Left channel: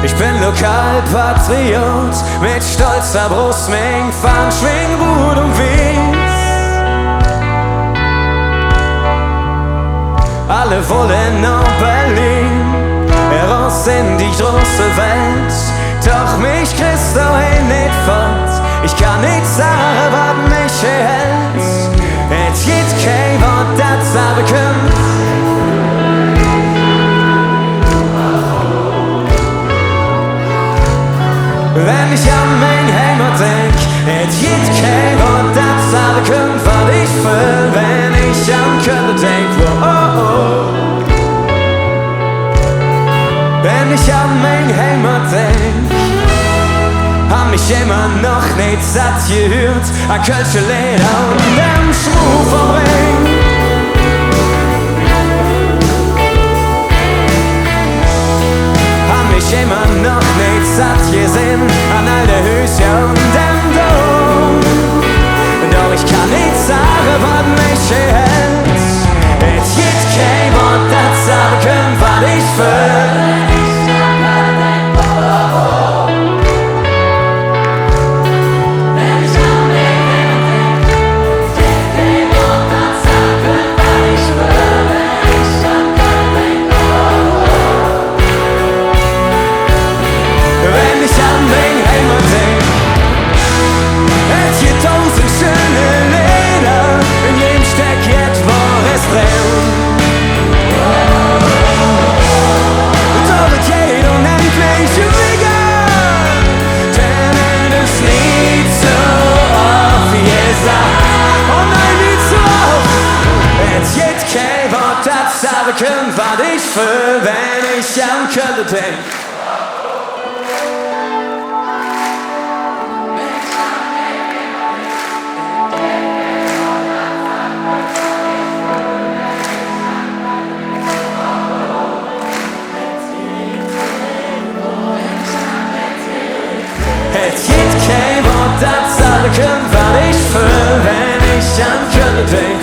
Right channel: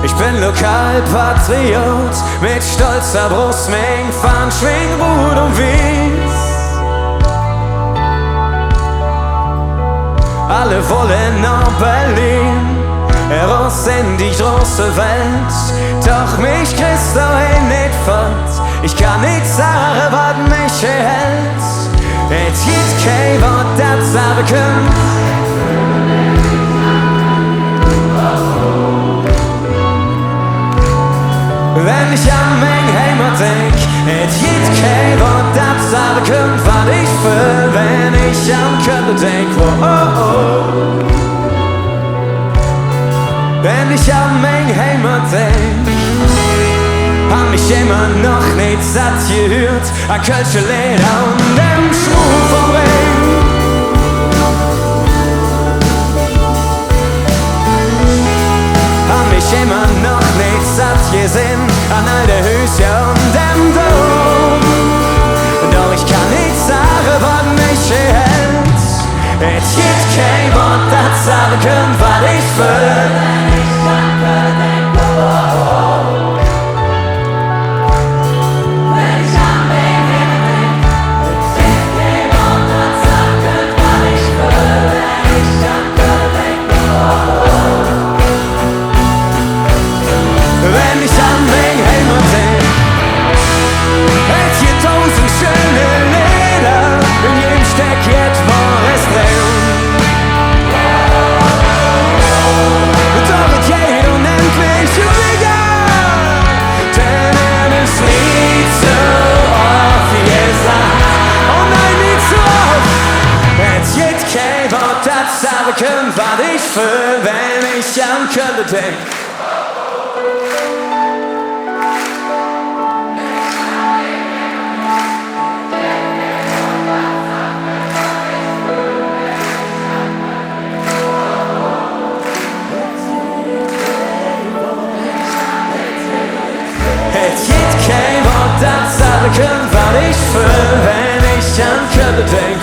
Ich bin Lokalpatriot mit stolzer Brust, mein Fahnen schwingen Rot und Wies. Alle wollen nach Berlin, heraus in die große Welt. Doch mich kriegst du nicht fort, ich kann nicht sagen, was mich hält. Es gibt kein Wort, das sagen kann. Wenn ich an mein Heimat denk, es gibt kein Wort, das sagen kann, was ich will. Wenn ich an Köln denk, wenn ich an mein Heimat denk, hab mich immer noch nicht satt gehört an Kölsche Leder und dem Schmuck vom Ring. Hab mich immer noch nicht satt gesehen an all der Höschen und dem Dom. Doch ich kann nicht sagen, was mich hält. Es gibt kein Wort, das sagen kann, was ich will. Wenn ich an mein Heimat denk, es gibt 1000 schöne Lieder, in jedem steckt etwas drin. Doch es geht unendlich egal, denn es ist nie so oft gesagt. Oh nein, nicht so oft. Es gibt kein Wort, das sagen kann, was ich will, wenn ich an Köln denk. Es gibt kein Wort, das sagen kann, was ich will, wenn ich an Köln denk.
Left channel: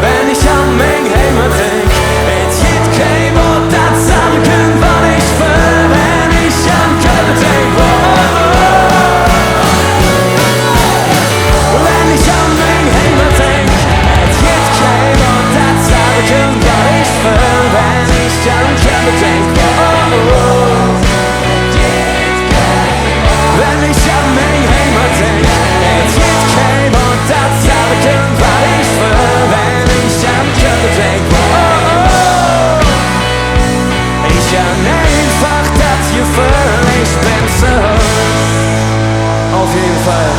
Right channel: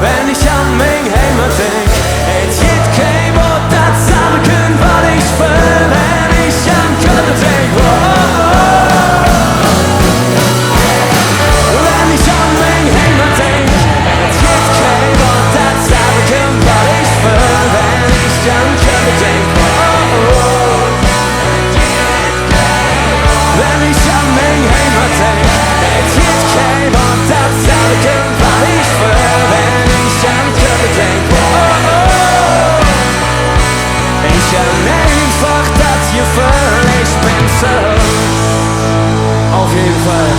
Wenn ich an mein Heimat denk, es gibt kein Wort, das sagen kann, was ich will, wenn ich an Köln denk. Wenn ich an mein Heimat denk, es gibt kein Wort, das sagen kann, was ich will, wenn ich an Köln denk. Wenn ich an mein Heimat denk, es gibt kein Wort, das sagen kann, was ich will, wenn ich an Köln denk. Ich an einfach das Gefühl, ich bin so. Auf jeden Fall.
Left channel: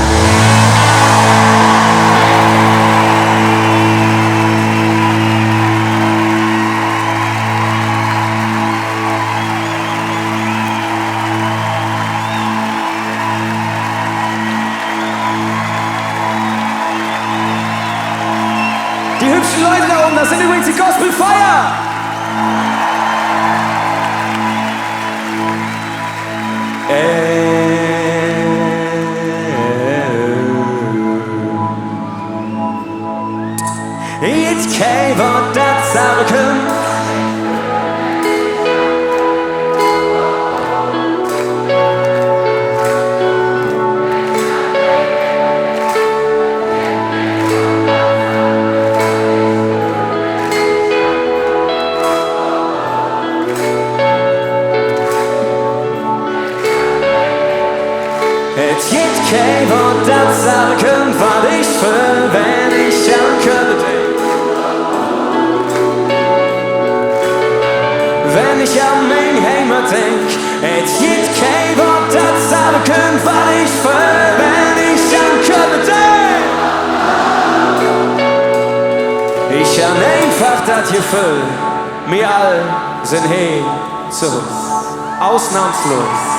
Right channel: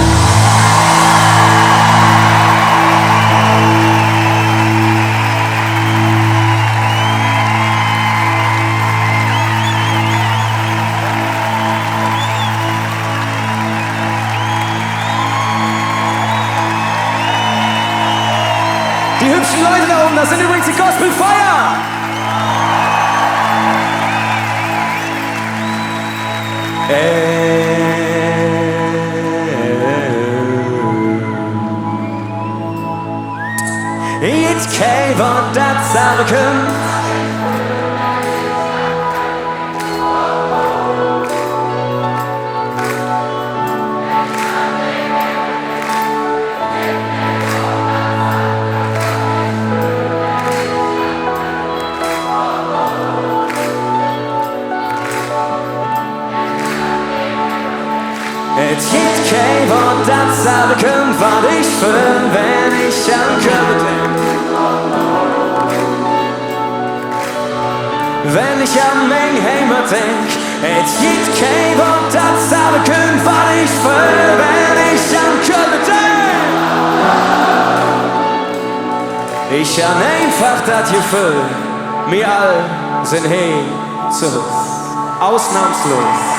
Die hübschen Leute da oben, das sind übrigens die Gospel Fire. Jetzt kein Wort, das sagen kann. Es gibt kein Wort, das sagen kann, was ich will, wenn ich an Köln denk. Wenn ich an mein Heimat denk, es gibt kein Wort, das sagen kann, was ich will, wenn ich an Köln denk. Ich an einfach das Gefühl, wir all sind hier zu Ausnahmslos.